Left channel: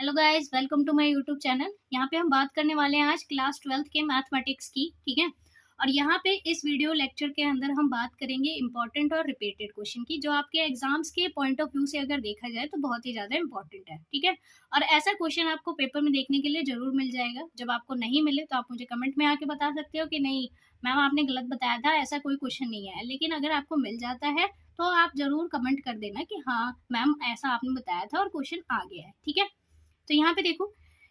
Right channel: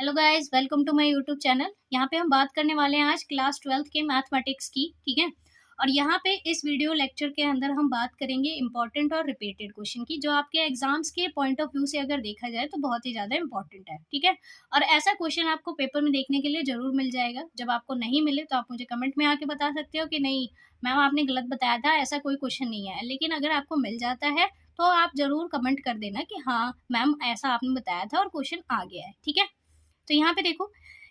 Hello guys, welcome to my YouTube channel. यहाँ पे हम बात करने वाले हैं आज क्लास 12th के मैथमेटिक्स की। ठीक है। और यहाँ पे इस वीडियो लेक्चर के अंदर हम बात करेंगे इंपॉर्टेंट और रिपीटेड क्वेश्चन की, जो आपके एग्जाम्स के पॉइंट ऑफ व्यू से अगर देखा जाए तो बहुत ही ज़्यादा इंपॉर्टेंट है। ठीक है। और ऐसा क्वेश्चन आपको पेपर में देखने के लिए ज़रूर मिल जाएगा। जब आपको नहीं मिले तो आप मुझे कमेंट में आके बता सकते हो कि नहीं मैम आपने गलत बताया था, ऐसा कोई क्वेश्चन नहीं है। लेकिन अगर आपको मिल जाता है तो आप ज़रूर कमेंट कर देना कि हाँ मैम ऐसा आपने बताया था और क्वेश्चन आ गया है। ठीक है। तो यहाँ पे देखो,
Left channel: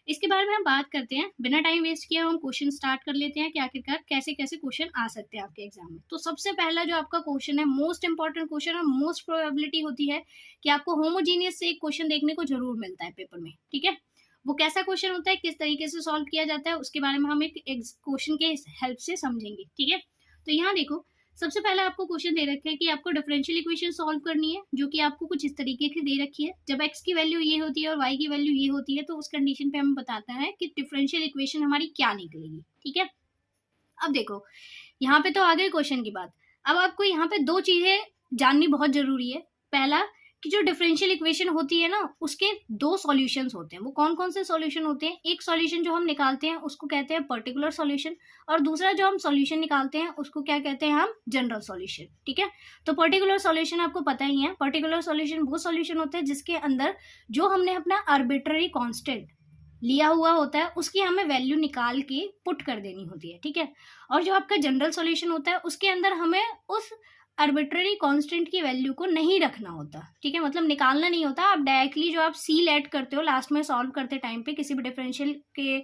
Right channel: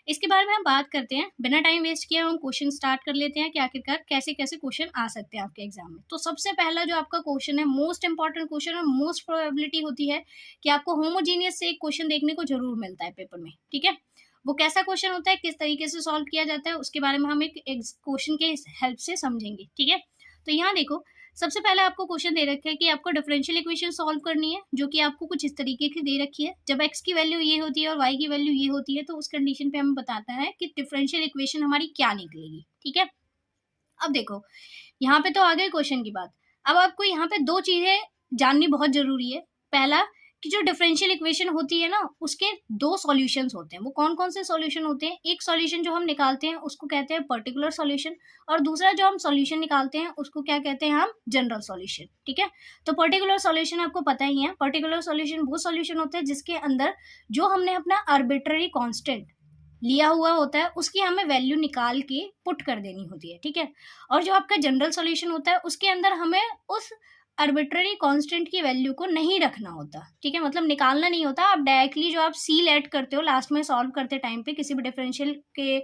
इसके बारे में हम बात करते हैं। बिना टाइम वेस्ट किए हम क्वेश्चन स्टार्ट कर लेते हैं कि आखिरकार कैसे कैसे क्वेश्चन आ सकते हैं आपके एग्जाम में। तो सबसे पहला जो आपका क्वेश्चन है, मोस्ट इंपॉर्टेंट क्वेश्चन और मोस्ट प्रोबेबिलिटी होती है कि आपको होमोजीनियस से एक क्वेश्चन देखने को जरूर मिलता है पेपर में। ठीक है। वो कैसा क्वेश्चन होता है, किस तरीके से सॉल्व किया जाता है, उसके बारे में हम एक क्वेश्चन के हेल्प से समझेंगे। ठीक है। तो यहाँ देखो, सबसे पहले आपको क्वेश्चन दे रखा है कि आपको डिफरेंशियल इक्वेशन सॉल्व करनी है, जो कि आपको कुछ इस तरीके की दे रखी है। जब x की वैल्यू ये होती है और y की वैल्यू ये होती है तो उस कंडीशन पे हमें बताता है कि डिफरेंशियल इक्वेशन हमारी क्या निकलेगी। ठीक है। अब देखो, यहाँ पे तो आ गई क्वेश्चन की बात। अब आपको यहाँ पे दो चीजें जाननी बहुत जरूरी है। पहला, कि जो डिफरेंशियल इक्वेशन होती है ना, उसके दो सॉल्यूशंस होते हैं। वो कौन कौन से सॉल्यूशन होते हैं? एक सॉल्यूशन जो हम निकालते हैं उसको कहते हैं पर्टिकुलर सॉल्यूशन, और दूसरा जो हम सॉल्यूशन निकालते हैं उसको क्या कहते हैं? हम जनरल सॉल्यूशन। ठीक है। तो पर्टिकुलर सॉल्यूशन आपको पता ही है। पर्टिकुलर सॉल्यूशन वो सॉल्यूशन होता है जिसके अंदर जो हमने अपना आर्बिट्ररी कांस्टेंट लिया हुआ होता है उसकी हमें वैल्यू निकाल के पुट कर देनी होती है। ठीक है। और जो आपका जनरल सॉल्यूशन होता है उसके अंदर हमें उस आर्बिट्ररी कांस्टेंट की वैल्यू को नहीं रखना होता। ठीक है। मतलब निकालना नहीं होता। आप डायरेक्टली जो आप सी लेट करते हो लास्ट में सॉल्व करते टाइम पे, किसी भी डिफरेंशियल के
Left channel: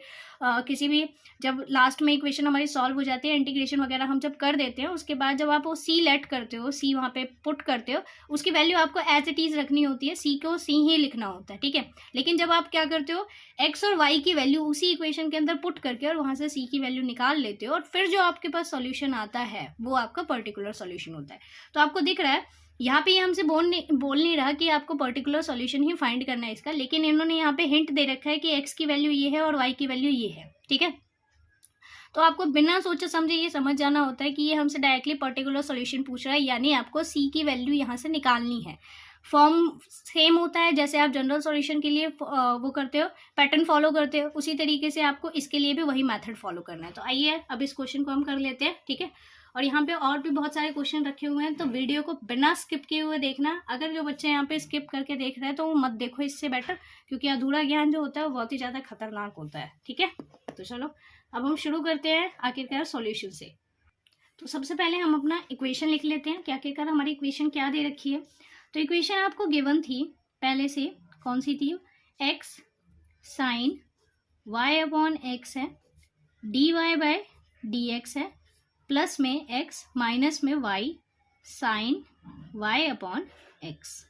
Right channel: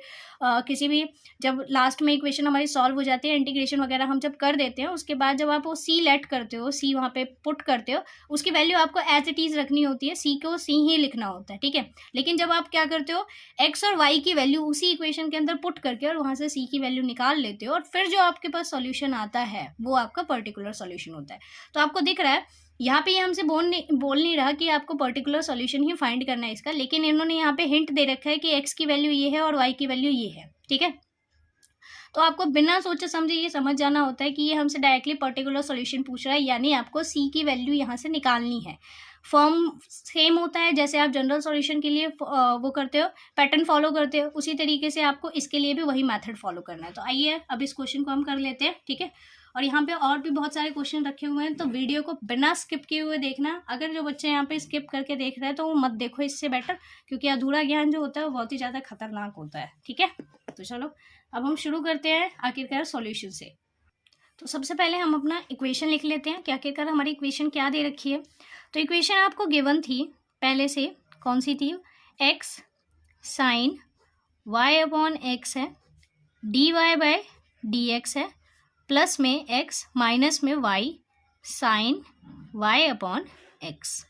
किसी भी, जब लास्ट में इक्वेशन हमारी सॉल्व हो जाती है, इंटीग्रेशन वगैरह हम जब कर देते हैं, उसके बाद जब आप वो सी लेट करते हो, सी वहाँ पे पुट करते हो, उसकी वैल्यू आपको एज इट इज रखनी होती है। सी को सी ही लिखना होता है। ठीक है। लेकिन जब आप क्या करते हो, एक्स और वाई की वैल्यू उसी इक्वेशन के अंदर पुट करके और वहां से सी की वैल्यू निकाल लेते हो, और फिर जो आपके पास सॉल्यूशन आता है वो आपका पर्टिकुलर सॉल्यूशन होता है। तो आपको दिख रहा है यहाँ पे ये हमसे बोल नहीं रहा कि आपको पर्टिकुलर सॉल्यूशन ही फाइंड करना है इसका, लेकिन इन्होंने यहाँ पे हिंट दे रखा है कि एक्स की वैल्यू ये है और वाई की वैल्यू ये है। ठीक है। तो आपको बिना सोचे समझे ये समझ जाना होता है कि ये हमसे डायरेक्टली पर्टिकुलर सॉल्यूशन पूछ रहा है, यानी आपको सी की वैल्यू यहाँ से निकालनी है। फॉर्म सेम होता है जैसे आप जनरल सॉल्यूशन के लिए वो करते हो, पैटर्न फॉलो करते हो, उसी तरीके से आपको इसके लिए भी वही मेथड फॉलो करना है। तो आइए अब इस क्वेश्चन को हम कर लेते हैं। ठीक है। और यहाँ पे और भी बहुत सारे क्वेश्चन रखे हुए हैं, तो वीडियो को बिना स्किप किए हुए देखना। अगर जो बच्चे यहाँ पे स्किप करके देख रहे हैं तो वो मत देखो, इससे बेटर, क्योंकि अधूरा ज्ञान जो होता है वो बहुत ही ज़्यादा खतरनाक होता है। ठीक है। तो चलो अब हम शुरू करते हैं आखिरकार सॉल्यूशन से। तो सबसे पहले हम अपना इक्वेशन लिख लेते हैं कि आखिरकार हमारी इक्वेशन क्या दे रखी है। तो इक्वेशन आपको गिवन थी पहले से, कौन सी थी? X sine Y upon x है, d Y by D x है, प्लस में एक्स माइनस में y sine Y upon x.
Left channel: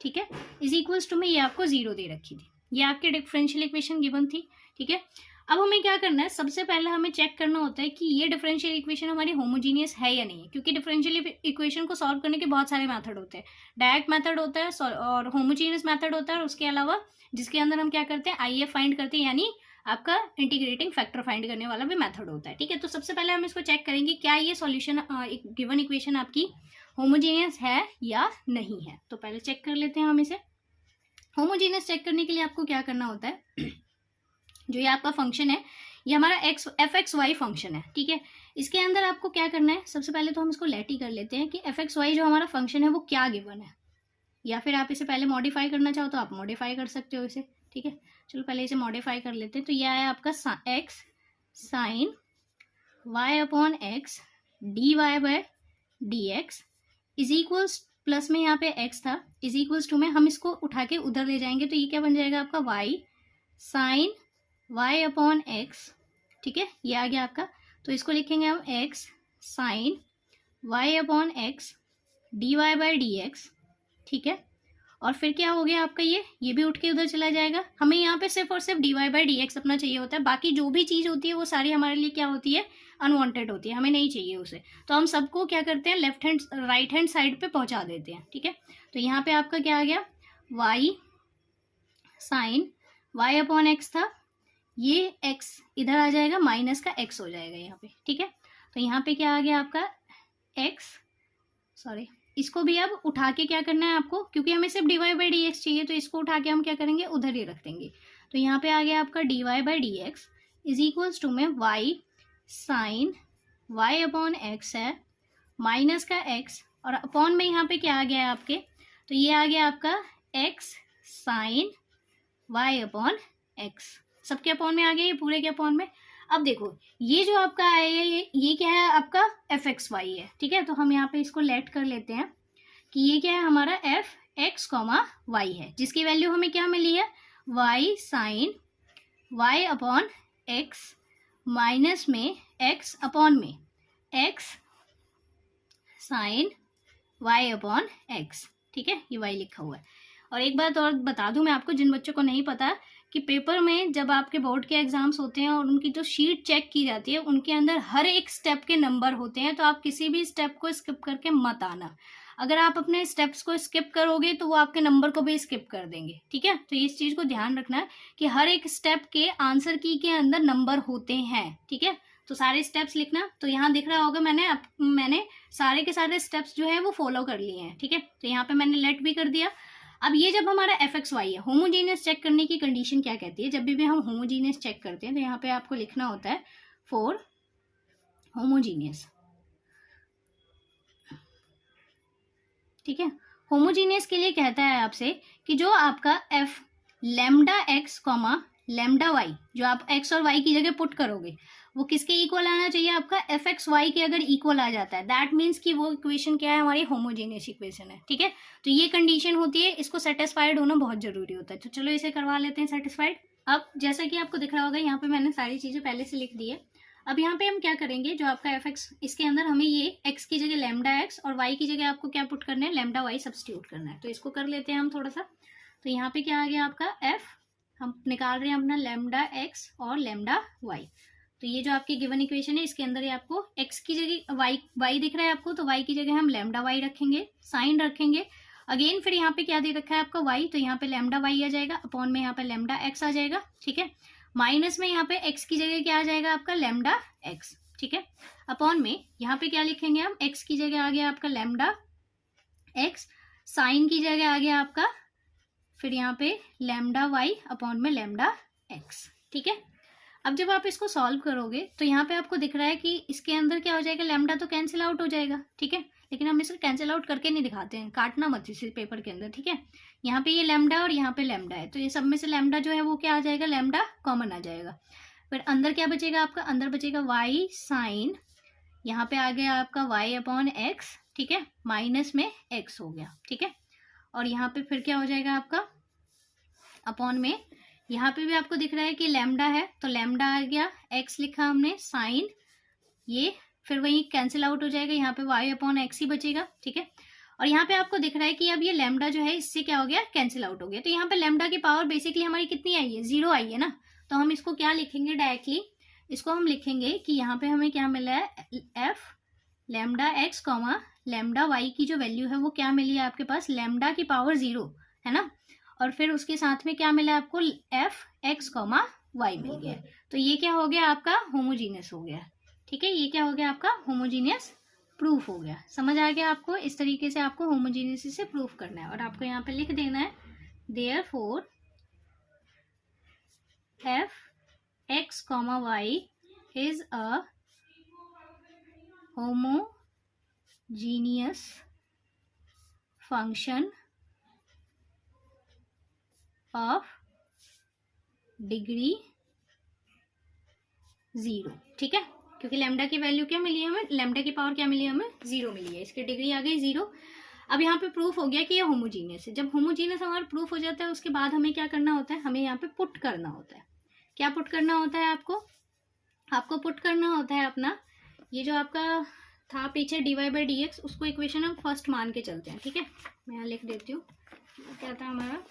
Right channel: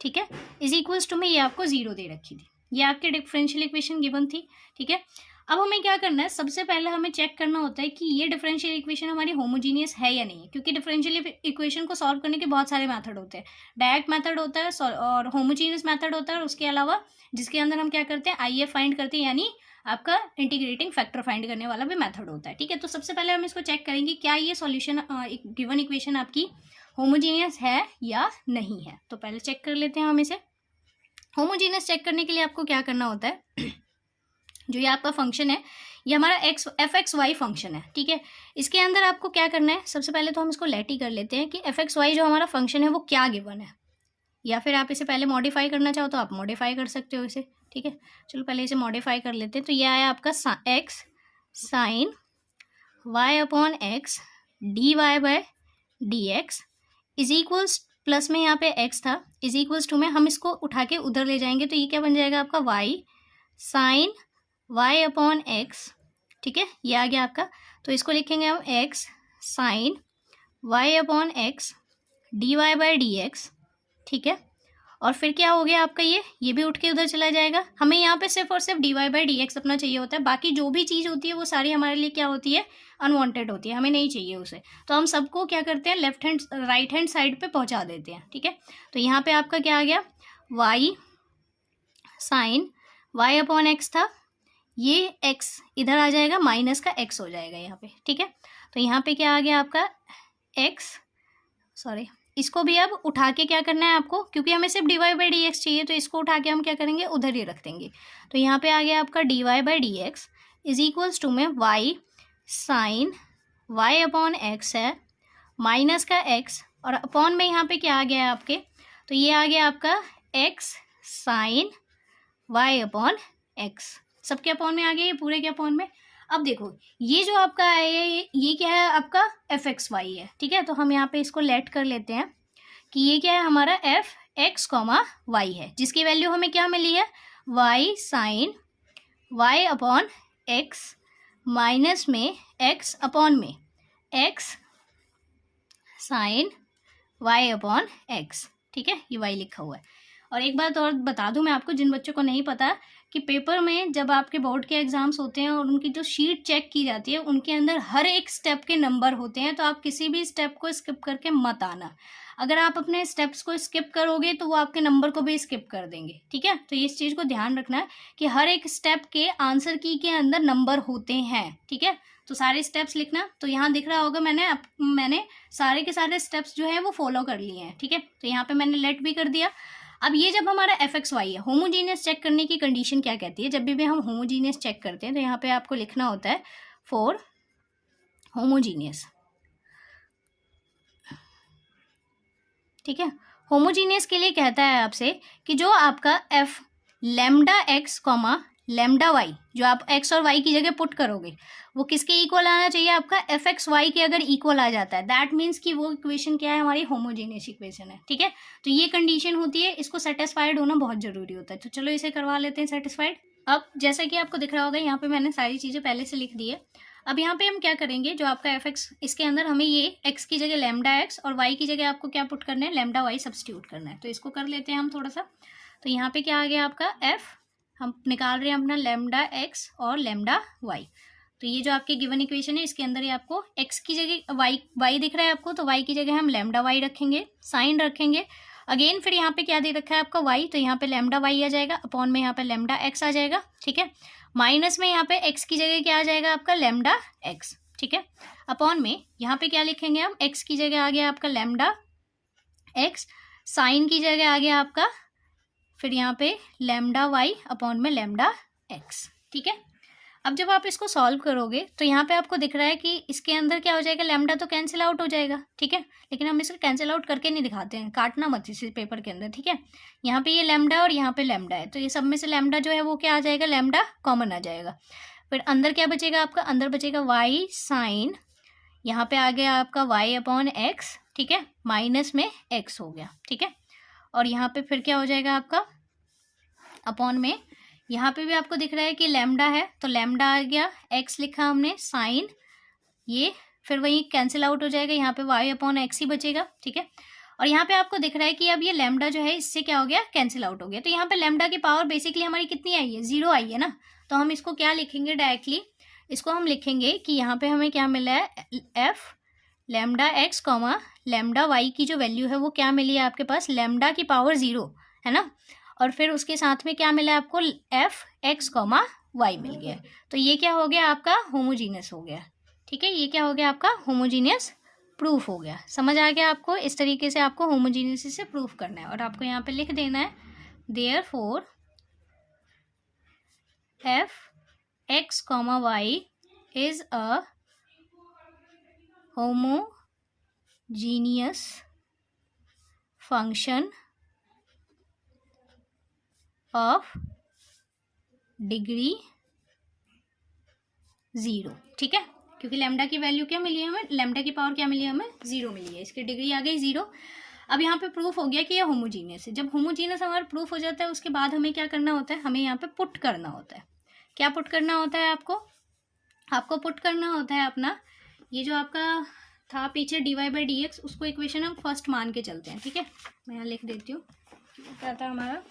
ठीक है। इज इक्वल्स टू में ये आपको जीरो दे रखी थी। ये आपकी डिफरेंशियल इक्वेशन गिवन थी। ठीक है। अब हमें क्या करना है, सबसे पहले हमें चेक करना होता है कि ये डिफरेंशियल इक्वेशन हमारी होमोजीनियस है या नहीं है, क्योंकि डिफरेंशियल इक्वेशन को सॉल्व करने के बहुत सारे मेथड होते हैं। डायरेक्ट मेथड होता है और होमोजीनियस मेथड होता है, और उसके अलावा जिसके अंदर हम क्या करते हैं, आई एफ फाइंड करते हैं, यानी आपका इंटीग्रेटिंग फैक्टर फाइंड करने वाला भी मेथड होता है। ठीक है। तो सबसे पहले हम इसको चेक करेंगे क्या ये सॉल्यूशन गिवन इक्वेशन आपकी होमोजीनियस है या नहीं है। तो पहले चेक कर लेते हैं हम इसे। होमोजीनियस चेक करने के लिए आपको क्या करना होता है, जो ये आपका फंक्शन है, ये हमारा X F X Y function है। ठीक है। इसके अंदर आपको क्या करना है, सबसे पहले तो हम इसको लेट ही कर लेते हैं कि एफ एक्स वाई जो हमारा फंक्शन है वो क्या गिवन है, या फिर आप इसे पहले मॉडिफाई करना चाहो तो आप मॉडिफाई कर सकते हो इसे। ठीक है। चलो पहले इसे मॉडिफाई कर लेते हैं। तो ये आया आपका X sine Y upon X D Y by D x is equals, plus में यहाँ पे एक्स था, इज इक्वल्स टू में हम इसको उठा के उधर ले जाएंगे तो ये क्या बन जाएगा आपका Y sine Y upon x. ठीक है। ये आ गया आपका। तो इसको लिखेंगे हम X sine Y upon X D Y by D X. ठीक है। और फिर क्या हो गया आपका, ये भी उठ के उधर चला जाएगा। हमें यहाँ पे सिर्फ और सिर्फ D Y by D X अपना चाहिए होता है, बाकी जो भी चीज़ होती है वो सारी हमारे लिए क्या होती है, अनवांटेड होती है, हमें नहीं चाहिए उसे। तो हम सबको क्या करते हैं, left hand right hand side पे पहुँचा देते हैं। ठीक है। तो यहाँ पे आपका क्या आ गया, Y sine Y upon X था, ये x इधर आ जाएगा, माइनस का x हो जाएगा यहाँ पे। ठीक है। तो यहाँ पे क्या आ गया आपका x इसको भी अब उठा के क्या करना है आपको, क्योंकि हमें सिर्फ dy बाई डी एक्स चाहिए, तो इसको उठा के हम क्या करेंगे, उधर ही रख देंगे। तो यहाँ पे आ गया आपका dy by D x is equals to में y sine y upon x है, माइनस का x, और अपॉन में यहाँ पे क्या आ गया है आपके, तो ये आ गया आपका x sine y upon X, सबके अपॉन में आ गया, ये पूरे के अपॉन में। अब देखो ये जो आपका है ये क्या है आपका एफ एक्स वाई है, ठीक है। तो हम यहाँ पे इसको लेट कर लेते हैं कि ये क्या है हमारा एफ एक्स कॉमा वाई है, जिसकी वैल्यू हमें क्या मिली है, Y sine Y upon X minus में एक्स अपॉन में X sine Y upon x, ठीक है, ये वाई लिखा हुआ है। और एक बात और बता दूं मैं आपको, जिन बच्चों को नहीं पता कि पेपर में जब आपके बोर्ड के एग्जाम्स होते हैं और उनकी जो शीट चेक की जाती है उनके अंदर हर एक स्टेप के नंबर होते हैं, तो आप किसी भी स्टेप को स्किप करके मत आना। अगर आप अपने स्टेप्स को स्किप करोगे तो वो आपके नंबर को भी स्किप कर देंगे, ठीक है। तो इस चीज़ को ध्यान रखना है कि हर एक स्टेप के आंसर की के अंदर नंबर होते हैं, ठीक है। तो सारे स्टेप्स लिखना, तो यहाँ दिख रहा होगा मैंने सारे के सारे स्टेप्स जो है वो फॉलो कर लिए हैं, ठीक है। तो यहाँ पे मैंने लेट भी कर दिया। अब ये जब हमारा एफ एक्स वाई है, होमोजीनियस चेक करने की कंडीशन क्या कहती है, जब भी हम होमोजीनियस चेक करते हैं तो यहाँ पे आपको लिखना होता है फॉर होमोजीनियस, ठीक है। होमोजीनियस के लिए कहता है आपसे कि जो आपका F lambda X comma lambda Y, जो आप एक्स और वाई की जगह पुट करोगे वो किसके इक्वल आना चाहिए, आपका एफ एक्स वाई के अगर इक्वल आ जाता है दैट मीन्स कि वो इक्वेशन क्या है, हमारी होमोजीनियस इक्वेशन है, ठीक है। तो ये कंडीशन होती है, इसको सेटिस्फाइड होना बहुत जरूरी होता है। तो चलो इसे करवा लेते हैं सेटिस्फाइड। अब जैसा कि आपको दिख रहा होगा यहाँ पे मैंने सारी चीज़ें पहले से लिख दी है। अब यहाँ पे हम क्या करेंगे, जो आपका एफ एक्स, इसके अंदर हमें ये एक्स की जगह लेमडा एक्स और वाई की जगह आपको क्या पुट करना है, लेमडा वाई सब्स्टिट्यूट करना है। तो इसको कर लेते हैं हम थोड़ा सा। तो यहाँ पे क्या आ गया आपका एफ, हम निकाल रहे हैं अपना लेमडा एक्स और लेमडा वाई। तो ये जो आपकी गिवन इक्वेशन है इसके अंदर ये आपको x की जगह y दिख रहा है आपको, तो y की जगह हम लेमडा y रखेंगे, साइन रखेंगे अगेन। फिर यहाँ पे क्या दे रखा है आपका y, तो यहाँ पे लेमडा y आ जाएगा, अपॉन में यहाँ पे लेमडा x आ जाएगा, ठीक है। माइनस में यहाँ पे x की जगह क्या आ जाएगा आपका लेमडा x, ठीक है। अपॉन में यहाँ पे क्या लिखेंगे हम, x की जगह आ गया आपका लेमडा x, साइन की जगह आ गया आपका फिर यहाँ पे लेमडा y अपॉन में लेमडा x, ठीक है। अब जब आप इसको सॉल्व करोगे तो यहाँ पे आपको दिख रहा है कि इसके अंदर क्या हो जाएगा, लैम्डा तो कैंसिल आउट हो जाएगा, ठीक है। लेकिन हम इसे कैंसिल आउट करके नहीं दिखाते हैं, काटना मत इस पेपर के अंदर, ठीक है। यहाँ पे ये लैम्डा और यहाँ पे लैम्डा है, तो ये सब में से लैम्डा जो है वो क्या आ जाएगा, लैम्डा कॉमन आ जाएगा। फिर अंदर क्या बचेगा आपका, अंदर बचेगा वाई साइन, यहाँ पे आ गया आपका वाई अपॉन एक्स, ठीक है, माइनस में एक्स हो गया, ठीक है। और यहाँ पे फिर क्या हो जाएगा आपका अपॉन में, यहाँ पे भी आपको दिख रहा है कि लैम्डा है, तो लैम्डा आ गया, एक्स लिखा हमने, साइन, ये फिर वही कैंसिल आउट हो जाएगा, यहाँ पे वाई अपॉन एक्स ही बचेगा, ठीक है। और यहाँ पे आपको दिख रहा है कि अब ये लैम्डा जो है इससे क्या हो गया, कैंसिल आउट हो गया। तो यहाँ पे लैम्डा की पावर बेसिकली हमारी कितनी आई है, 0 आई है ना। तो हम इसको क्या लिखेंगे डायरेक्टली, इसको हम लिखेंगे कि यहाँ पे हमें क्या मिला है, f lambda x comma lambda y की जो वैल्यू है वो क्या मिली है आपके पास, लैम्डा की पावर 0 है ना। और फिर उसके साथ में क्या मिला आपको, एफ एक्स कॉमा वाई मिल गया। तो ये क्या हो गया आपका, होमोजीनियस हो गया, ठीक है। ये क्या हो गया आपका, होमोजीनियस प्रूफ हो गया। समझ आ गया आपको, इस तरीके से आपको होमोजीनियस से प्रूफ करना है। और आपको यहाँ पे लिख देना है therefore f x comma y is a homogeneous function of degree 0, ठीक है। क्योंकि लैम्डा की वैल्यू क्या मिली है हमें, लैम्डा की पावर क्या मिली है हमें, 0 मिली है, इसकी डिग्री आ गई 0। अब यहाँ पे प्रूफ हो गया कि ये होमोजीनियस है। जब होमोजीनियस हमारा प्रूफ हो जाता है उसके बाद हमें क्या करना होता है, हमें यहाँ पे पुट करना होता है। क्या पुट करना होता है आपको पुट करना होता है अपना ये जो आपका था पीछे dy बाई डी एक्स, उसको इक्वेशन हम फर्स्ट मान के चलते हैं, ठीक है। मैं यहाँ लिख देती हूँ, क्या था हमारा,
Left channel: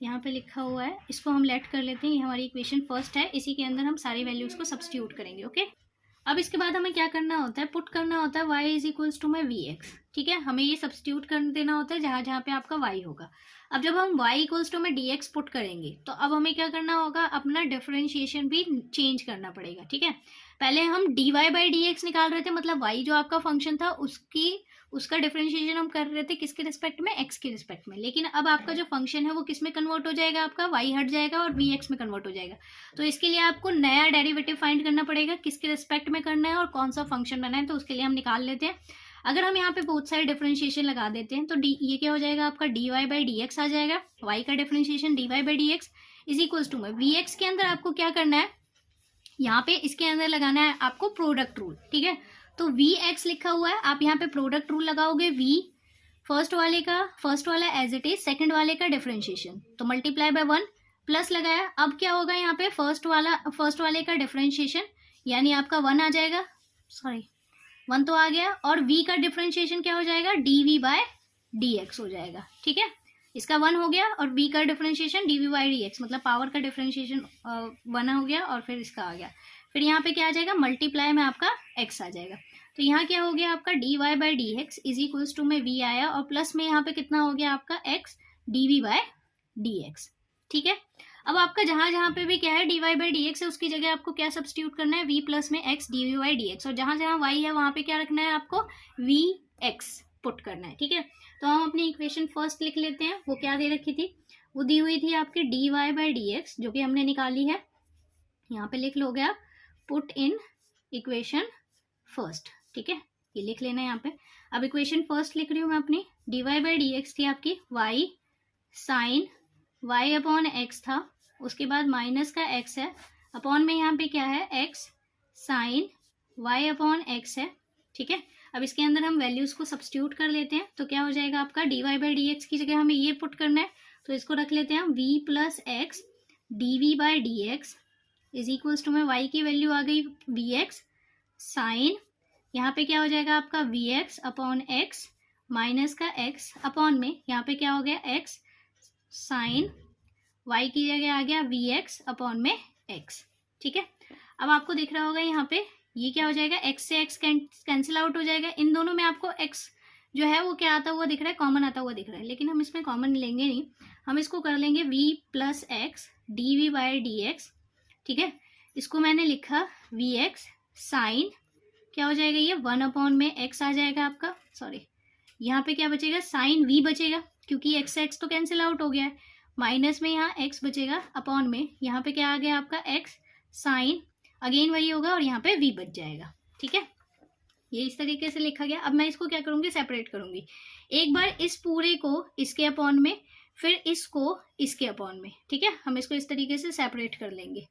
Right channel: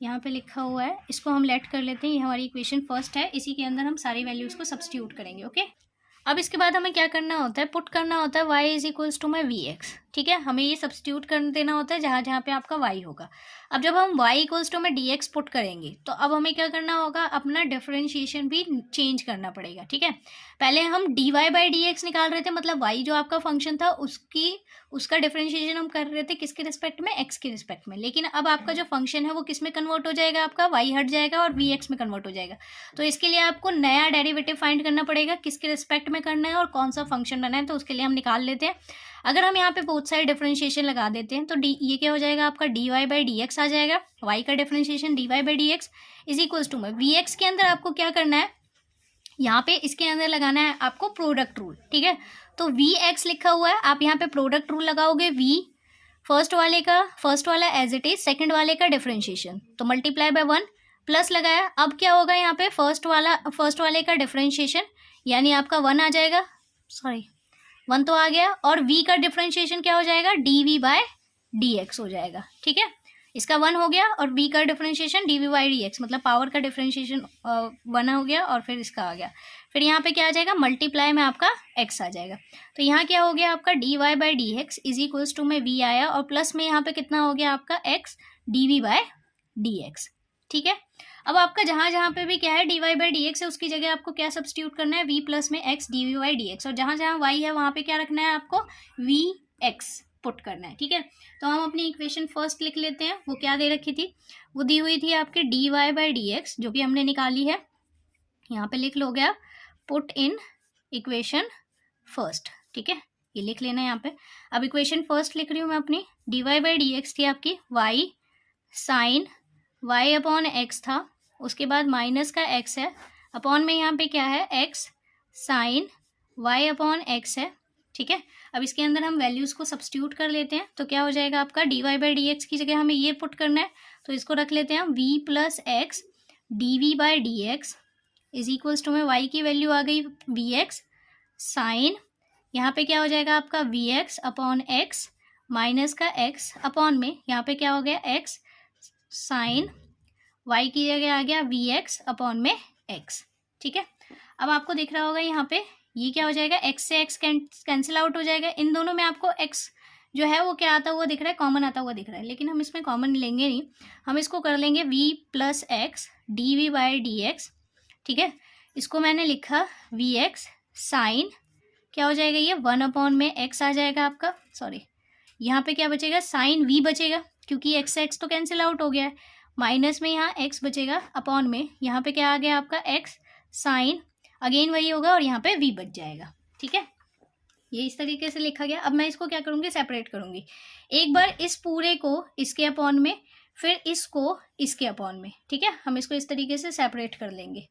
यहाँ पे लिखा हुआ है, इसको हम लेट कर लेते हैं, ये हमारी इक्वेशन फर्स्ट है, इसी के अंदर हम सारी वैल्यूज़ को सब्स्टिट्यूट करेंगे, ओके। अब इसके बाद हमें क्या करना होता है, पुट करना होता है y इज इक्वल्स टू माई वी एक्स, ठीक है, हमें ये सब्स्टिट्यूट कर देना होता है जहाँ जहाँ पे आपका y होगा। अब जब हम y इक्वल्स टू में dx पुट करेंगे तो अब हमें क्या करना होगा, अपना डिफरेंशिएशन भी चेंज करना पड़ेगा। ठीक है, पहले हम dy बाई dx निकाल रहे थे, मतलब y जो आपका फंक्शन था उसका डिफरेंशिएशन हम कर रहे थे किसके रिस्पेक्ट में, x के रिस्पेक्ट में। लेकिन अब आपका जो फंक्शन है वो किस में कन्वर्ट हो जाएगा, आपका y हट जाएगा और vx में कन्वर्ट हो जाएगा। तो इसके लिए आपको नया डेरिवेटिव फाइंड करना पड़ेगा, किसके रिस्पेक्ट में करना है और कौन सा फंक्शन बनाना है। तो उसके लिए हम निकाल लेते हैं। अगर हम यहाँ पे बोथ साइड डिफरेंशिएशन लगा देते हैं तो ये क्या हो जाएगा, आपका dy बाई डी एक्स आ जाएगा। y का differentiation dy by D x is equals to में vx के अंदर आपको क्या करना है, यहाँ पे इसके अंदर लगाना है आपको प्रोडक्ट रूल। ठीक है, तो vx लिखा हुआ है, आप यहाँ पे प्रोडक्ट रूल लगाओगे। v फर्स्ट वाला एज इट इज, सेकंड वाले का डिफरेंशिएशन, तो मल्टीप्लाई बाय 1 प्लस लगाया। अब क्या होगा, यहाँ पे फर्स्ट वाले का डिफरेंशिएशन यानी आपका 1 आ जाएगा, सॉरी 1 तो आ गया, और v का डिफरेंशिएशन क्या हो जाएगा, dv बाय dx हो जाएगा। ठीक है, इसका 1 हो गया और v का डिफरेंशिएशन dv बाई dx, मतलब पावर का डिफरेंशिएशन 1 हो गया और फिर इसका आ गया। फिर यहाँ पे क्या आ जाएगा, मल्टीप्लाई में आपका x आ जाएगा। तो यहाँ क्या हो गया, आपका dy by D x is equals to में v आया और प्लस में यहाँ पे कितना हो गया आपका x dv बाय dx। ठीक है, अब आपका जहाँ जहाँ पे भी क्या है dy बाई डी एक्स है उसकी जगह आपको क्या सब्स्टिट्यूट करना है, v प्लस में x dv by D x, और जहाँ जहाँ y है वहाँ पे क्या रखना है आपको, vx पुट करना है। ठीक है, तो हम अपनी इक्वेशन फर्स्ट लिख लेते हैं। वो क्या दे रखी थी, वो दी हुई थी आपके dy बाई डी एक्स जो कि हमने निकाली है, यहाँ पे लिख लो गया पुट इन इक्वेशन फर्स्ट। ठीक है, ये लिख लेना है यहाँ पे। अब इक्वेशन फर्स्ट लिख रही हूँ मैं अपनी, dy बाई डी एक्स थी आपकी y sine y upon x था, उसके बाद माइनस का x है, अपॉन में यहाँ पे क्या है x sine y upon x है। ठीक है, अब इसके अंदर हम वैल्यूज़ को सब्स्टिट्यूट कर लेते हैं। तो क्या हो जाएगा आपका, dy बाई डी एक्स की जगह हमें ये पुट करना है, तो इसको रख लेते हैं v plus x dv by D x is equals to में y की वैल्यू आ गई vx साइन, यहाँ पे क्या हो जाएगा आपका vx अपॉन x माइनस का x अपॉन में यहाँ पे क्या हो गया x साइन y की जगह आ गया vx अपॉन में x। ठीक है, अब आपको दिख रहा होगा यहाँ पे ये क्या हो जाएगा, x से x कैंसिल आउट हो जाएगा। इन दोनों में आपको x जो है वो क्या आता हुआ दिख रहा है, कॉमन आता हुआ दिख रहा है, लेकिन हम इसमें कॉमन लेंगे नहीं, हम इसको कर लेंगे v plus x dv by D X. ठीक है, इसको मैंने लिखा vx साइन, क्या हो जाएगा ये 1 अपॉन में x आ जाएगा आपका, सॉरी यहाँ पे क्या बचेगा, साइन v बचेगा क्योंकि x से x तो कैंसिल आउट हो गया है, माइनस में यहाँ x बचेगा, अपॉन में यहाँ पे क्या आ गया आपका x साइन, अगेन वही होगा और यहाँ पे v बच जाएगा। ठीक है, ये इस तरीके से लिखा गया। अब मैं इसको क्या करूँगी, सेपरेट करूँगी, एक बार इस पूरे को इसके अपॉन में, फिर इसको इसके अपॉन में। ठीक है, हम इसको इस तरीके से सेपरेट कर लेंगे।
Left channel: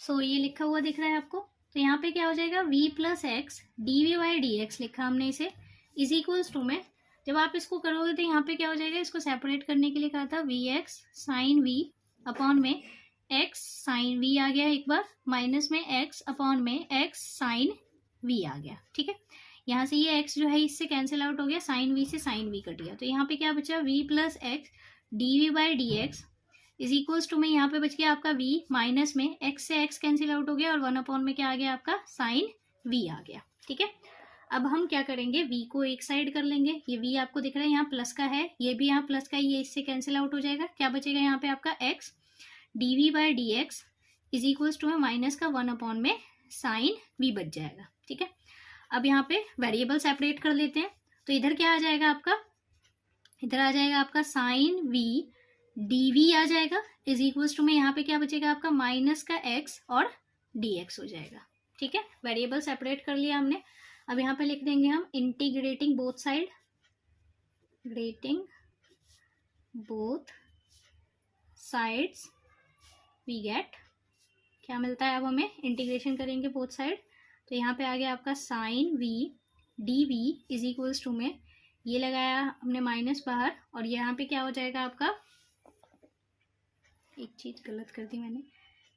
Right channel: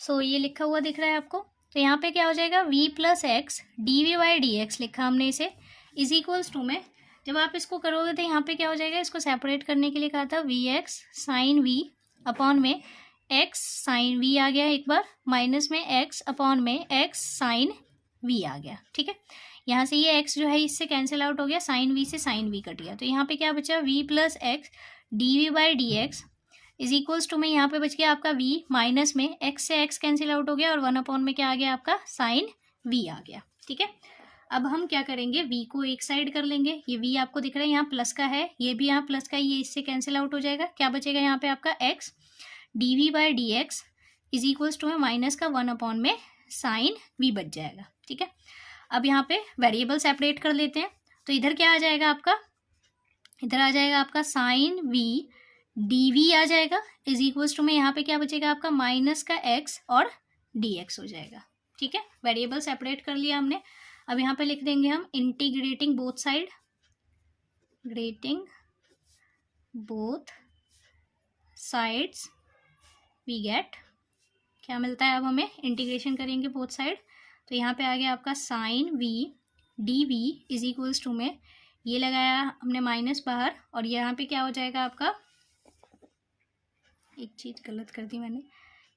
सो ये लिखा हुआ दिख रहा है आपको, तो यहाँ पे क्या हो जाएगा, v plus x dv by D x लिखा हमने इसे, इज इक्वल्स टू में जब आप इसको करोगे तो यहाँ पे क्या हो जाएगा, इसको सेपरेट करने के लिए कहा था vx साइन v अपॉन में x साइन v आ गया एक बार, माइनस में x अपॉन में x साइन v आ गया। ठीक है, यहाँ से ये x जो है इससे कैंसिल आउट हो गया, साइन v से साइन v कट गया, तो यहाँ पे क्या बचा, v plus x dv by D x is equals to में यहाँ पे बच गया आपका v, माइनस में x से x कैंसिल आउट हो गया और 1 अपॉन में क्या आ गया आपका साइन v आ गया। ठीक है, अब हम क्या करेंगे, v को एक साइड कर लेंगे, ये v आपको दिख रहा है यहाँ प्लस का है, ये भी यहाँ प्लस का, ये इससे कैंसिल आउट हो जाएगा, क्या बचेगा यहाँ पे आपका x dv by D x is equals to में माइनस का 1 अपॉन में साइन v बच जाएगा। ठीक है, अब यहाँ पे वेरिएबल सेपरेट कर लेते हैं, तो इधर क्या आ जाएगा आपका, इधर आ जाएगा आपका साइन v dv आ जाएगा, इज इक्वल्स टू में यहाँ पे क्या बचेगा आपका माइनस का x और dx हो जाएगा। ठीक है, वेरिएबल सेपरेट कर लिया हमने। अब यहाँ पे लिख देंगे हम integrating both side, grating both sides we get, क्या मिलता है, अब हमें इंटीग्रेशन करेंगे बोथ साइड, तो यहाँ पे आ गया आपका sine v dv is equals to में ये लगाया हमने माइनस बाहर, और यहाँ पे क्या हो जाएगा आपका, एक चीज़ गलत कर दी मैंने,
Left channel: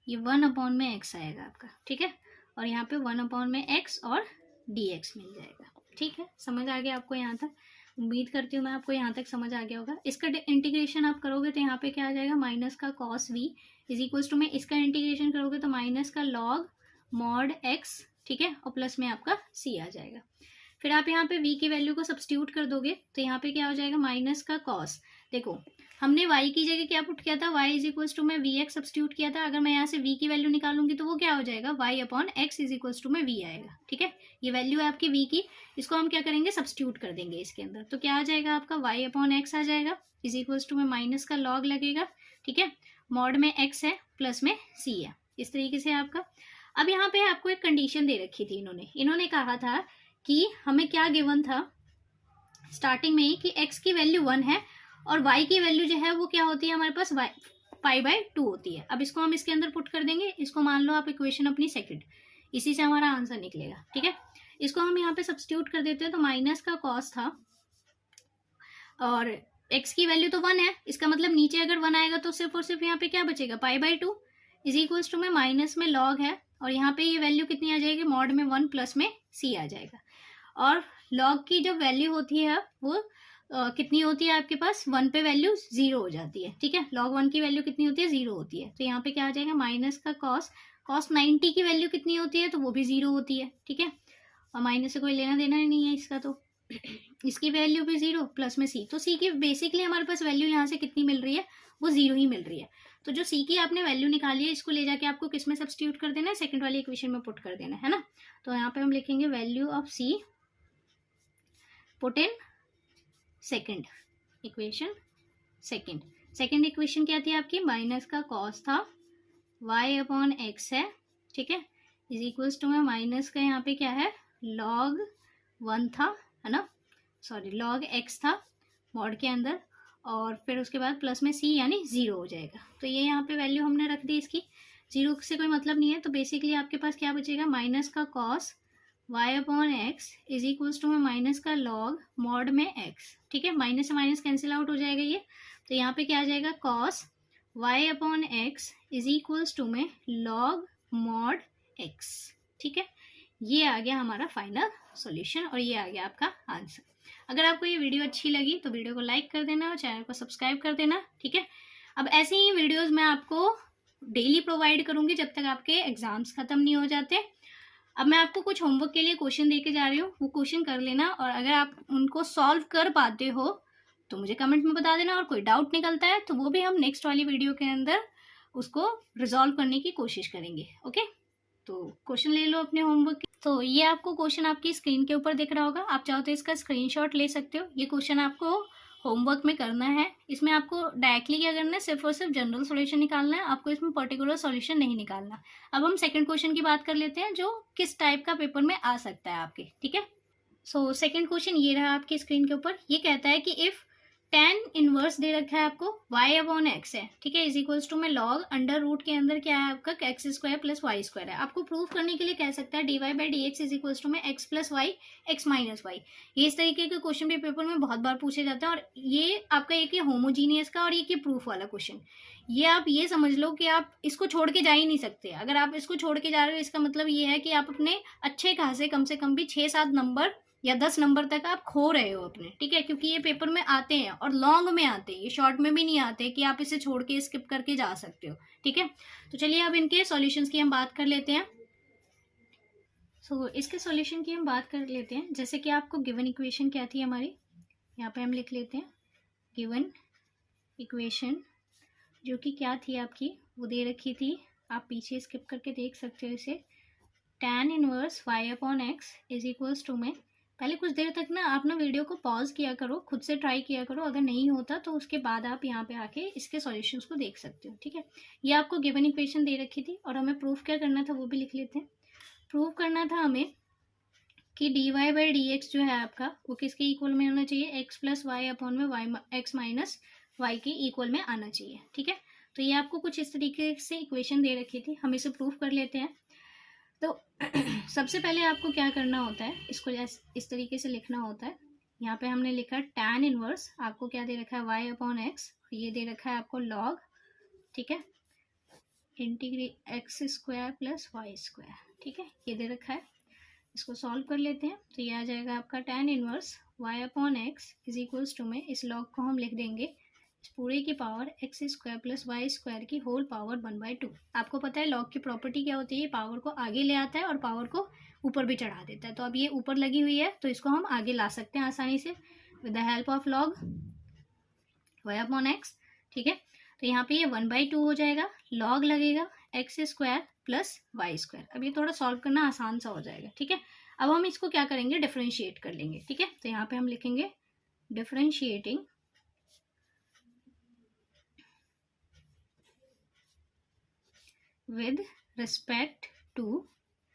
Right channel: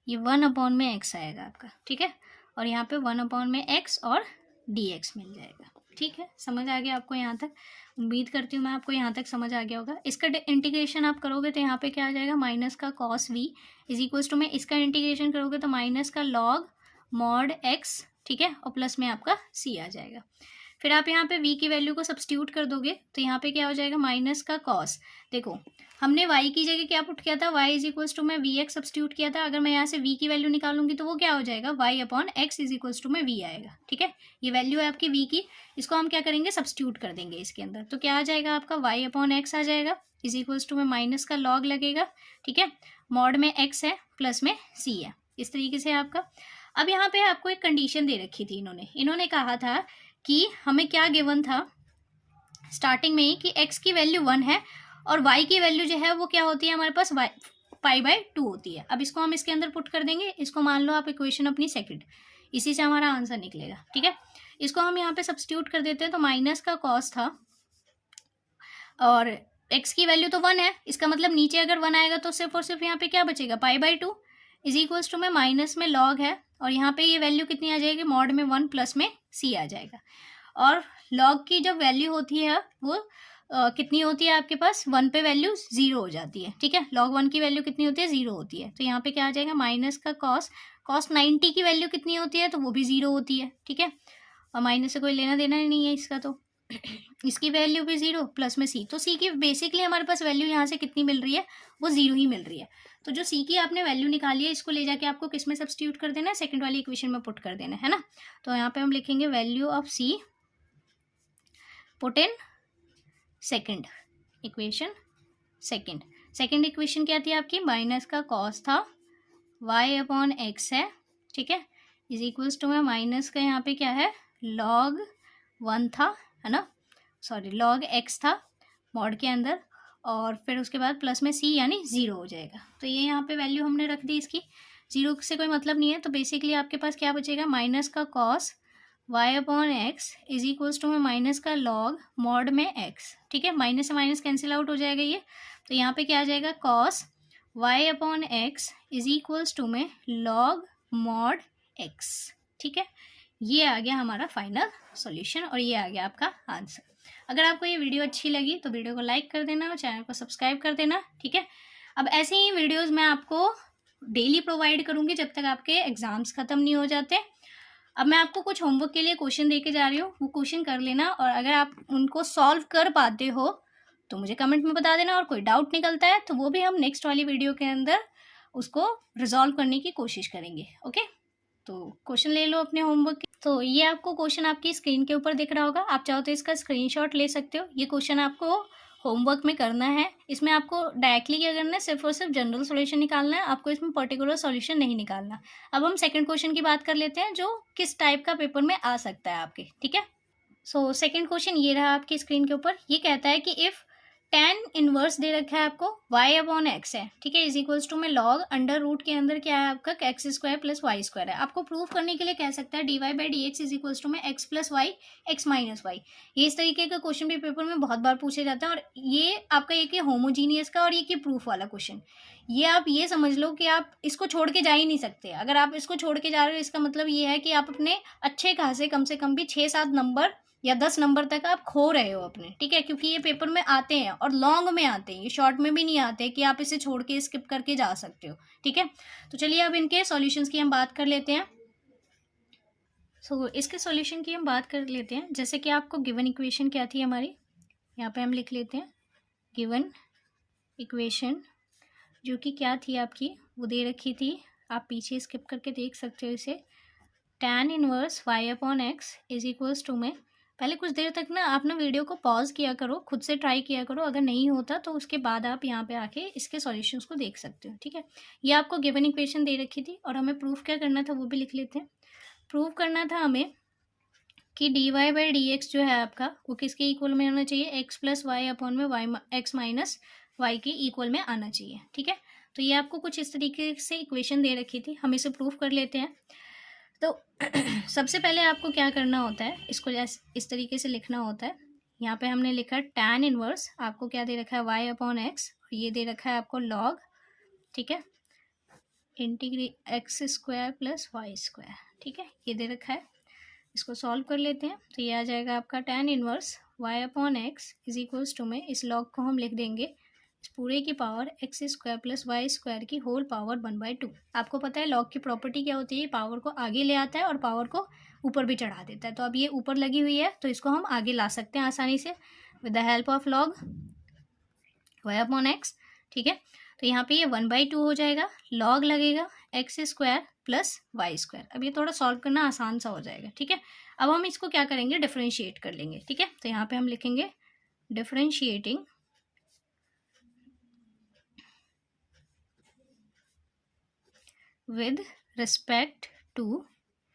ये 1 अपॉन में x आएगा आपका। ठीक है, और यहाँ पे 1 अपॉन में x और dx मिल जाएगा। ठीक है, समझ आ गया आपको यहाँ तक, उम्मीद करती हूँ मैं आपको यहाँ तक समझ आ गया होगा। इसका इंटीग्रेशन आप करोगे तो यहाँ पे क्या आ जाएगा, माइनस का cos v is equals to में इसका इंटीग्रेशन करोगे तो माइनस का लॉग मॉड x। ठीक है, और प्लस में आपका c आ जाएगा। फिर आप यहाँ पे v की वैल्यू को सब्स्टिट्यूट कर दोगे तो यहाँ पे क्या हो जाएगा माइनस का कॉस। देखो हमने y की जगह क्या पुट किया था, y इज इक्वल्स टू में वी एक्स सब्स्टिट्यूट किया था। अगर मैं यहाँ से v की वैल्यू निकालूंगी तो वो क्या हो जाएगा, y upon x is equals to में v आएगा। ठीक है, ये वैल्यू है आपकी v की, इसको हम क्या करेंगे सब्स्टिट्यूट कर देंगे इसके अंदर। तो क्या आ जाएगा आपका y अपॉन एक्स आ जाएगा इज इक्वल्स टू में माइनस का लॉग लगेगा। ठीक है, मॉड में x है प्लस में c है, इस तरीके से आपका। अब यहाँ पे आपको एक कंडीशन दे रखी थी इन्होंने कहा था कि हमें क्या गिवन था स्टार्टिंग में ही कि x की वैल्यू 1 है और y की वैल्यू जो है वो क्या होती है हमारे पास पाई/2 होती है। अब इसको हम इसके अंदर पुट कर देंगे, इसको मान लो आप इक्वेशन अपनी सेकंड, इसी से हमारा आंसर निकलेगा। ठीक है, इसको हम यहाँ पे सब्स्टिट्यूट कर देते हैं तो माइनस का कॉस था और x की वैल्यू तो 1 है, इसका मतलब नीचे अगर 1 आएगा तो सिर्फ और सिर्फ यहाँ पे क्या बचेगा पाई/2 इज इक्वल्स टू में माइनस में लॉग है और यहाँ पे ये वैल्यू कितनी आ जाएगी मॉड में 1 प्लस में c आ जाएगा। और लॉग की जब वैल्यू होती है वो कितनी होती है आपके पास 1 पे वैल्यू 0 हो जाती है। ठीक है, log 1 की वैल्यू कितनी होती है 0 होती है। तो यहाँ पे क्या आ जाएगा माइनस का कॉस 90 की वैल्यू कितनी होती है तो वो भी 0 होती है। ठीक है, और माइनस से कोई लेना देना ही नहीं है इसका, तो इसकी वैल्यू भी 0 प्लस में c, तो c की बेसिकली हमारे पास वैल्यू यहाँ से कितनी मिल रही है वो 0 ही मिल रही है। तो जो c की आपने वैल्यू निकाली है इसको ले जाके आपको किस में सब्स्टिट्यूट कर देना है, सेकंड वाली इक्वेशन में पुट कर देना है ना। तो यहाँ पे हम लिखेंगे value of c put in second equation. Second equation क्या थी आपकी, माइनस का कॉस था y अपॉन एक्स है। ठीक है, इज इक्वल्स टू में माइनस का यहाँ पे क्या है log 1 था, है ना, सॉरी log x था मॉड के अंदर, और फिर उसके बाद प्लस में c यानी 0 हो जाएगा। तो ये यहाँ पे वैल्यू हमने रख दी, इसकी 0 से कोई मतलब नहीं है। तो बेसिकली आपके पास क्या बचेगा माइनस का cos y upon x is equals to में माइनस का लॉग मॉड में x। ठीक है, माइनस से माइनस कैंसिल आउट हो जाएगा ये, तो यहाँ पे क्या आ जाएगा cos y upon x is equals to में लॉग मॉड x। ठीक है, ये आ गया हमारा फाइनल सॉल्यूशन और ये आ गया आपका आंसर। अगर आपको ये वीडियो अच्छी लगी तो वीडियो को लाइक कर देना और चैनल को सब्सक्राइब कर देना। ठीक है, अब ऐसे ही वीडियोस मैं आपको डेली प्रोवाइड करूँगी जब तक आपके एग्ज़ाम्स ख़त्म नहीं हो जाते। अब मैं आपको कुछ होमवर्क के लिए क्वेश्चन दे के जा रही हूँ, वो क्वेश्चन कर लेना और अगर आप उनको सॉल्व कर पाते हो तो मुझे कमेंट में बता देना, और कोई डाउट निकलता है तो वो भी हम नेक्स्ट वाली वीडियो के अंदर उसको रिजॉल्व करने की कोशिश करेंगे। ओके, तो क्वेश्चन ले लो अपने होमवर्क। तो ये आपको क्वेश्चन आपकी स्क्रीन के ऊपर दिख रहा होगा, आप चाहो तो इसका स्क्रीनशॉट ले सकते हो। ये क्वेश्चन आपको होमवर्क में करना है, इसमें आपको डायरेक्टली क्या करना है सिर्फ और सिर्फ जनरल सॉल्यूशन निकालना है, आपको इसमें पर्टिकुलर सॉल्यूशन नहीं निकालना। अब हम सेकंड क्वेश्चन की बात कर लेते हैं जो किस टाइप का पेपर में आ सकता है आपके। ठीक है, सो सेकंड क्वेश्चन ये रहा आपकी स्क्रीन के ऊपर। ये कहता है कि इफ़ tan इनवर्स दे रखा है आपको y अपॉन एक्स है। ठीक है, इज इक्वल्स टू में लॉग अंडर रूट के अंदर क्या है आपका x square plus y square है। आपको प्रूफ करने के लिए कह सकता है dy by D x is equals to में x plus y x minus y. ये इस तरीके का क्वेश्चन भी पेपर में बहुत बार पूछा जाता है और ये आपका एक है होमोजीनियस का और एक ही प्रूफ वाला क्वेश्चन। ये आप ये समझ लो कि आप इसको छोड़ के जा ही नहीं सकते। अगर आप इसको छोड़ के जा रहे हो इसका मतलब ये है कि आप अपने अच्छे खासे कम से कम भी 6-7 नंबर या 10 नंबर तक आप खो रहे हो अपने। ठीक है, क्योंकि ये पेपर में आते हैं और लॉन्ग में आते हैं, ये शॉर्ट में भी नहीं आते कि आप इसे छोड़ के स्किप करके जा सकते हो। ठीक है, तो चलिए अब इनके सॉल्यूशंस की हम बात कर लेते हैं। इसके सॉल्यूशन की हम बात कर लेते हैं। जैसे कि आपको गिवन इक्वेशन क्या थी हमारी, यहाँ पे हम लिख लेते हैं गिवन इक्वेशन जो कि क्या थी आपकी, वो दे रखी थी, आप पीछे स्किप करके देख सकते हो इसे। tan inverse y upon x is equals to में, पहले कुछ देर तक ना आपने वीडियो को पॉज किया करो, खुद से ट्राई किया करो, अगर नहीं होता तो उसके बाद आप यहाँ पे आके इसके सॉल्यूशंस को देख सकते हो। ठीक है, ये आपको गिवन इक्वेशन दे रखी थी और हमें प्रूफ क्या करना था वो भी लिख लेते हैं। प्रूफ करना था हमें कि dy बाई डी एक्स जो है आपका वो किसके इक्वल में आना चाहिए, एक्स प्लस वाई अपॉन में वाई एक्स माइनस वाई के इक्वल में आना चाहिए। ठीक है, तो ये आपको कुछ इस तरीके से इक्वेशन दे रखी थी, हम इसे प्रूफ कर लेते हैं। तो सबसे पहले आपको क्या करना होता है, इसको इस तरीके से लिखना होता है। यहाँ पे हमने लिखा tan इनवर्स, आपको क्या दे रखा है y अपॉन एक्स, और ये दे रखा है आपको log, ठीक है, integrate x square plus y square. ठीक है, ये दे रखा है, इसको सॉल्व कर लेते हैं। तो ये आ जाएगा आपका tan inverse y upon x is equals to में इस log को हम लिख देंगे इस पूरे की power x square plus y square की होल पावर 1/2। आपको पता है लॉग की प्रॉपर्टी क्या होती है, पावर को आगे ले आता है और पावर को ऊपर भी चढ़ा देता है। तो अब ये ऊपर लगी हुई है तो इसको हम आगे ला सकते हैं आसानी से with the help of log y upon x. ठीक है, तो यहाँ पे ये 1/2 हो जाएगा, लॉग लगेगा x square plus y square. अब ये थोड़ा सॉल्व करना आसान सा हो जाएगा। ठीक है, अब हम इसको क्या करेंगे, डिफरेंशिएट कर लेंगे। ठीक है, तो यहाँ पे हम लिखेंगे differentiating with respect to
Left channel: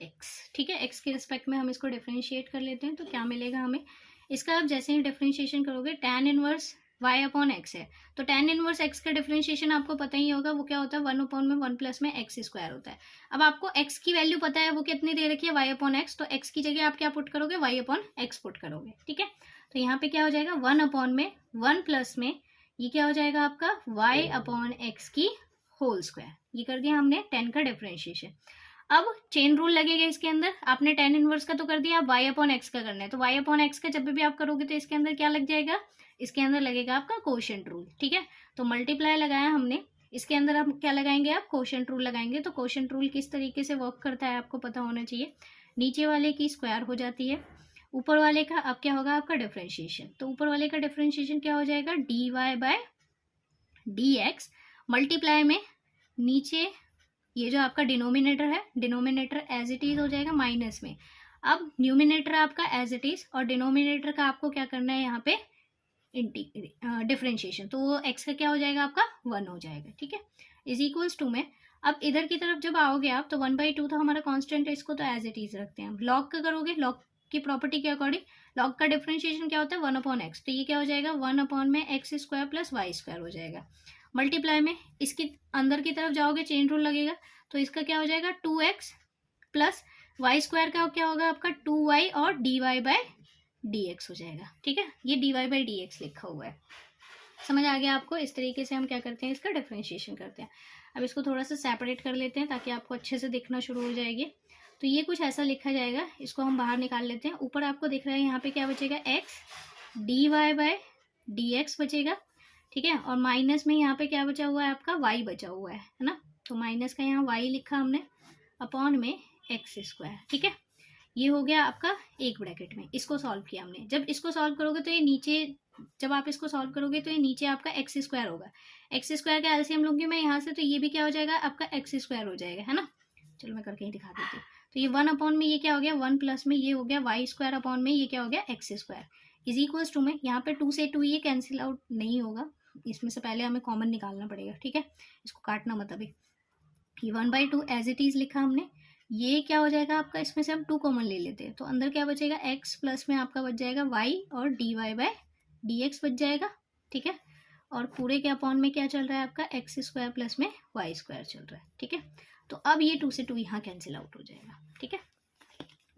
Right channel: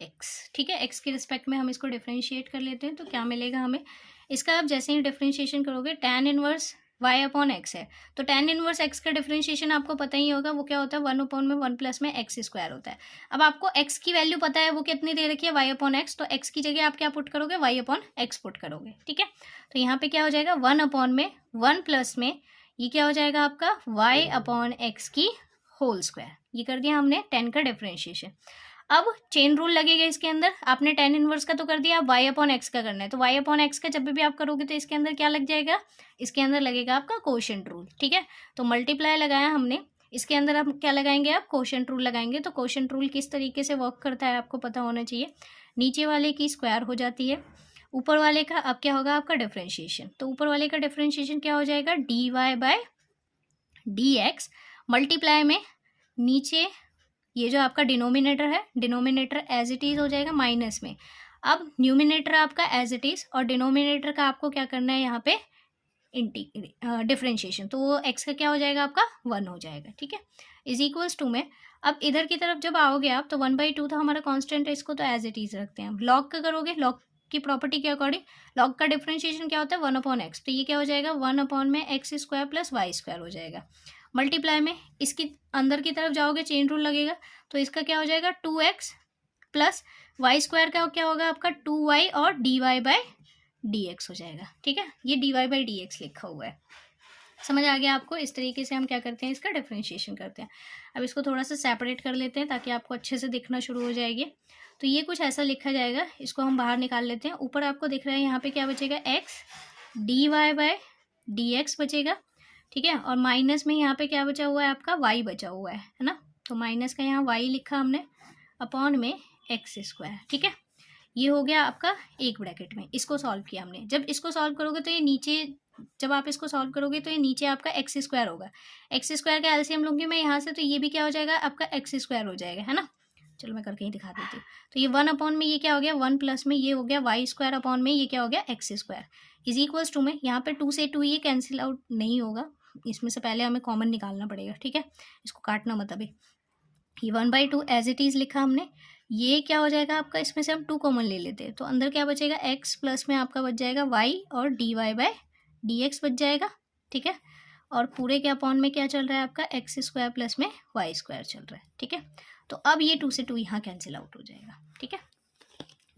x. ठीक है, एक्स के रिस्पेक्ट में हम इसको डिफरेंशिएट कर लेते हैं। तो क्या मिलेगा हमें, इसका आप जैसे ही डिफरेंशिएशन करोगे tan inverse y upon x है, तो tan इनवर्स एक्स का डिफरेंशिएशन आपको पता ही होगा, वो क्या होता है 1/1 प्लस में एक्स स्क्वायर होता है। अब आपको एक्स की वैल्यू पता है वो कितनी दे रखी है, वाई अपॉन एक्स, तो एक्स की जगह आप क्या पुट करोगे, वाई अपॉन एक्स पुट करोगे। ठीक है, तो यहाँ पे क्या हो जाएगा 1/1 प्लस में ये क्या हो जाएगा आपका वाई अपॉन एक्स की होल स्क्वायर। ये कर दिया हमने 10 का डिफरेंशिएशन। अब चेन रूल लगेगा इसके अंदर, आपने tan इनवर्स का तो कर दिया, अब y अपॉन एक्स का करना है। तो y अपॉन एक्स का जब भी आप करोगे तो इसके अंदर क्या लग जाएगा, इसके अंदर लगेगा आपका कोशेंट रूल। ठीक है, तो मल्टीप्लाई लगाया हमने, इसके अंदर हम क्या लगाएंगे, आप कोशेंट रूल लगाएंगे। तो कोशेंट रूल किस तरीके से वर्क करता है आपको पता होना चाहिए। नीचे वाले की स्क्वायर हो जाती है, ऊपर वाले का अब क्या होगा आपका डिफरेंशिएशन। तो ऊपर वाले का डिफरेंशिएशन क्या हो जाएगा, dy/dx मल्टीप्लाई में नीचे ये जो आपका डिनोमिनेटर है, डिनोमिनेटर एज इट इज़ हो जाएगा माइनस में। अब न्यूमिनेटर आपका एज इट इज़ और डिनोमिनेटर का आपको क्या करना है यहाँ पे डिफरेंशिएशन, तो वो एक्स का क्या हो जाएगा आपका 1 हो जाएगा। ठीक है, इज इक्वल्स टू में अब इधर की तरफ जब आओगे आप तो 1/2 था हमारा कांस्टेंट है, इसको तो एज इट इज़ रखते हैं। लॉग का करोगे, लॉग की प्रॉपर्टी के अकॉर्डिंग लॉग का डिफरेंशिएशन क्या होता है 1/x, तो ये क्या हो जाएगा 1 में x square plus y square हो जाएगा। मल्टीप्लाई में इसकी अंदर की तरफ जाओगे चेन रूल लगेगा, तो इसका क्या हो जाएगा 2x प्लस वाई स्क्वायर का क्या होगा आपका 2y और dy/dx हो जाएगा। ठीक है, ये dy/dx लिखा हुआ है, समझ आ गया आपको। इस तरीके से हम क्या करते हैं, इसका डिफरेंशिएशन करते हैं। अब इसको थोड़ा सा सेपरेट कर लेते हैं ताकि आपको अच्छे से दिखना शुरू हो जाएगी। तो ये कुछ ऐसा लिखा जाएगा, इसको हम बाहर निकाल लेते हैं। ऊपर आपको दिख रहा है यहाँ पे क्या बचेगा, x dy/dx बचेगा। ठीक है, और माइनस में यहाँ पे क्या बचा हुआ है आपका y बचा हुआ है ना, तो माइनस का यहाँ y लिखा हमने अपॉन में एक्स स्क्वायर। ठीक है, ये हो गया आपका एक ब्रैकेट में, इसको सॉल्व किया हमने। जब इसको सॉल्व करोगे तो ये नीचे, जब आप इसको सॉल्व करोगे तो ये नीचे आपका एक्स स्क्वायर होगा। एक्स स्क्वायर का एलसीएम लूंगी मैं यहाँ से, तो ये भी क्या हो जाएगा आपका एक्स स्क्वायर हो जाएगा, है ना। चलो मैं करके ही दिखा देती हूँ। तो ये 1 अपॉन में ये क्या हो गया 1 प्लस में ये हो गया वाई स्क्वायर अपॉन में ये क्या हो गया x square is equals to में यहाँ पे 2 से 2 ये कैंसिल आउट नहीं होगा, इसमें से पहले हमें कॉमन निकालना पड़ेगा। ठीक है, इसको काटना मत अभी। ये 1/2 एज इट इज़ लिखा हमने, ये क्या हो जाएगा आपका, इसमें से हम 2 कॉमन ले लेते हैं तो अंदर क्या बचेगा x प्लस में आपका बच जाएगा y और dy/dx बच जाएगा। ठीक है, और पूरे के अपॉन में क्या चल रहा है आपका एक्स स्क्वायर प्लस में वाई स्क्वायर चल रहा है। ठीक है, तो अब ये 2 से 2 यहाँ कैंसिल आउट हो जाएगा। ठीक है,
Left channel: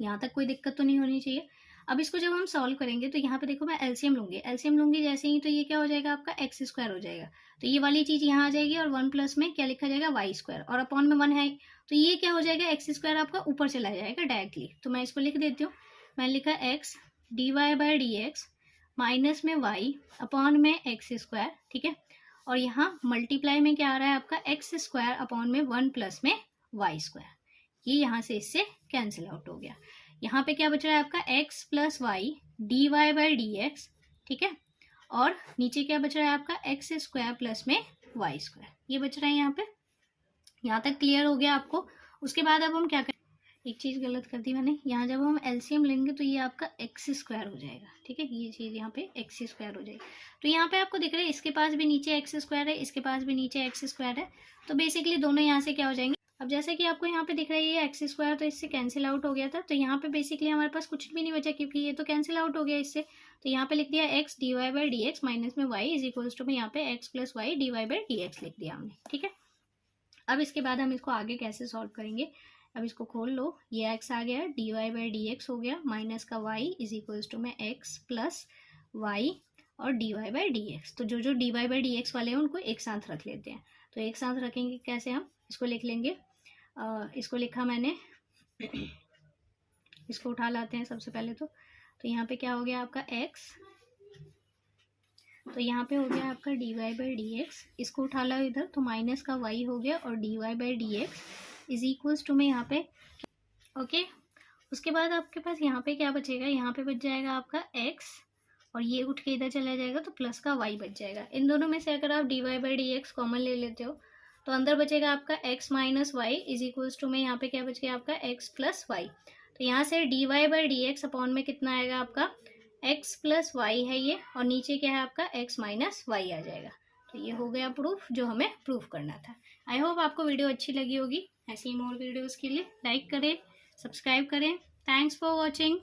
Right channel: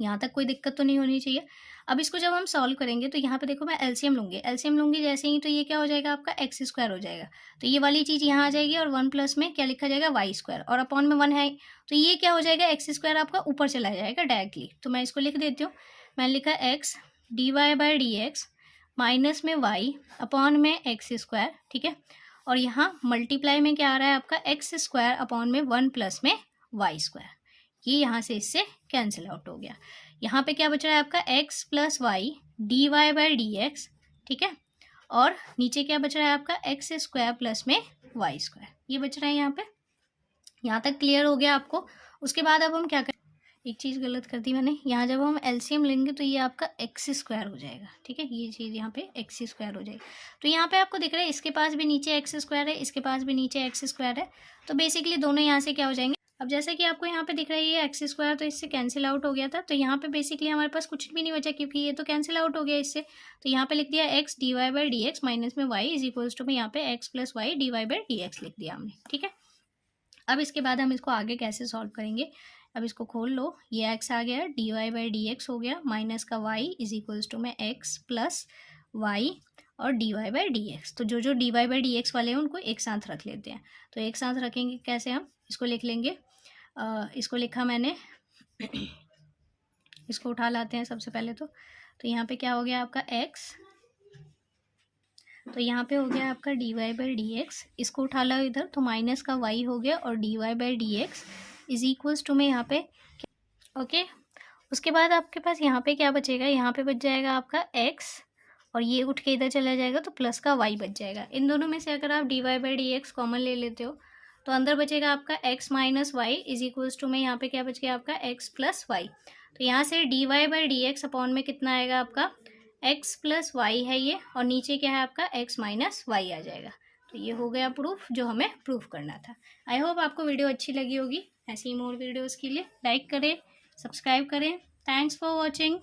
यहाँ तक कोई दिक्कत तो नहीं होनी चाहिए। अब इसको जब हम सॉल्व करेंगे तो यहाँ पे देखो मैं एलसीएम लूँगी जैसे ही, तो ये क्या हो जाएगा आपका एक्स स्क्वायर हो जाएगा, तो ये वाली चीज़ यहाँ आ जाएगी और 1 प्लस में क्या लिखा जाएगा वाई स्क्वायर और अपॉन में 1 है, तो ये क्या हो जाएगा एक्स स्क्वायर आपका ऊपर चला जाएगा डायरेक्टली। तो मैं इसको लिख देती हूँ, मैंने लिखा एक्स dy/dx माइनस में वाई अपॉन में एक्स स्क्वायर। ठीक है, और यहाँ मल्टीप्लाई में क्या आ रहा है आपका एक्स स्क्वायर अपॉन में 1 प्लस में वाई स्क्वायर, ये यहाँ से इससे कैंसिल आउट हो गया। यहाँ पे क्या बच रहा है आपका x प्लस वाई dy/dx। ठीक है, और नीचे क्या बच रहा है आपका एक्स स्क्वायर प्लस में वाई स्क्वायर, ये बच रहा है यहाँ पे। यहाँ तक क्लियर हो गया आपको। उसके बाद अब हम क्या करें, एक चीज़ गलत कर दी मैंने, यहाँ जब हम एलसीएम लेंगे तो ये आपका एक्स स्क्वायर हो जाएगा। ठीक है, ये चीज़ यहाँ पे एक्स स्क्वायर हो जाएगी। तो यहाँ पे आपको दिख रहा है इसके पास भी नीचे एक्स स्क्वायर है, इसके पास भी नीचे एक्स स्क्वायर है, तो बेसिकली दोनों यहाँ से क्या हो जाएंगे। अब जैसे कि आपको यहाँ पे दिख रहा है ये एक्स स्क्वायर तो इससे कैंसिल आउट हो गया था, तो यहाँ पे बेसिकली हमारे पास कुछ भी नहीं बचा क्योंकि ये तो कैंसिल आउट हो गया इससे। तो यहाँ पे लिख दिया एक्स dy/dx माइनस में वाई इज इक्वल्स टू में यहाँ पे एक्स प्लस वाई dy/dx लिख दिया हमने। ठीक है, अब इसके बाद हम इसको आगे कैसे सॉल्व करेंगे, अब इसको खोल लो, ये एक्स आ गया dy/dx हो गया माइनस का वाई इज इक्वल्स टू में एक्स प्लस वाई और dy/dx। तो जो जो dy/dx वाले हैं उनको एक साथ रख लेते हैं। तो एक साथ रखेंगे कैसे, हम इसको लिख लेंगे, इसको लिखा मैंने, इसको उठा लाते हैं सबसे पहले। तो यहाँ पे क्या हो गया आपका x तो यहाँ पे हो गया आपका dy बाई डी एक्स, इसको उठा लो इधर तो माइनस का y हो गया और dy by D x is equals to में यहाँ पे ओके। उसके बाद आपके पास यहाँ पे क्या बचेगा, यहाँ पे बच जाएगा आपका x और ये उठ के इधर चला जाएगा तो प्लस का y बच जाएगा। इन दोनों में से अगर आप dy by D x common ले लेते हो तो अंदर बचेगा आपका x minus y is equals to में यहाँ पे क्या बच गया आपका x प्लस वाई। तो यहाँ से dy by D x upon में कितना आएगा आपका x प्लस वाई है ये, और नीचे क्या है आपका x माइनस वाई आ जाएगा। तो ये हो गया प्रूफ जो हमें प्रूफ करना था। आई होप आपको वीडियो अच्छी लगी होगी। ऐसी ही मोर वीडियोज़ के लिए लाइक करें, सब्सक्राइब करें। Thanks for watching.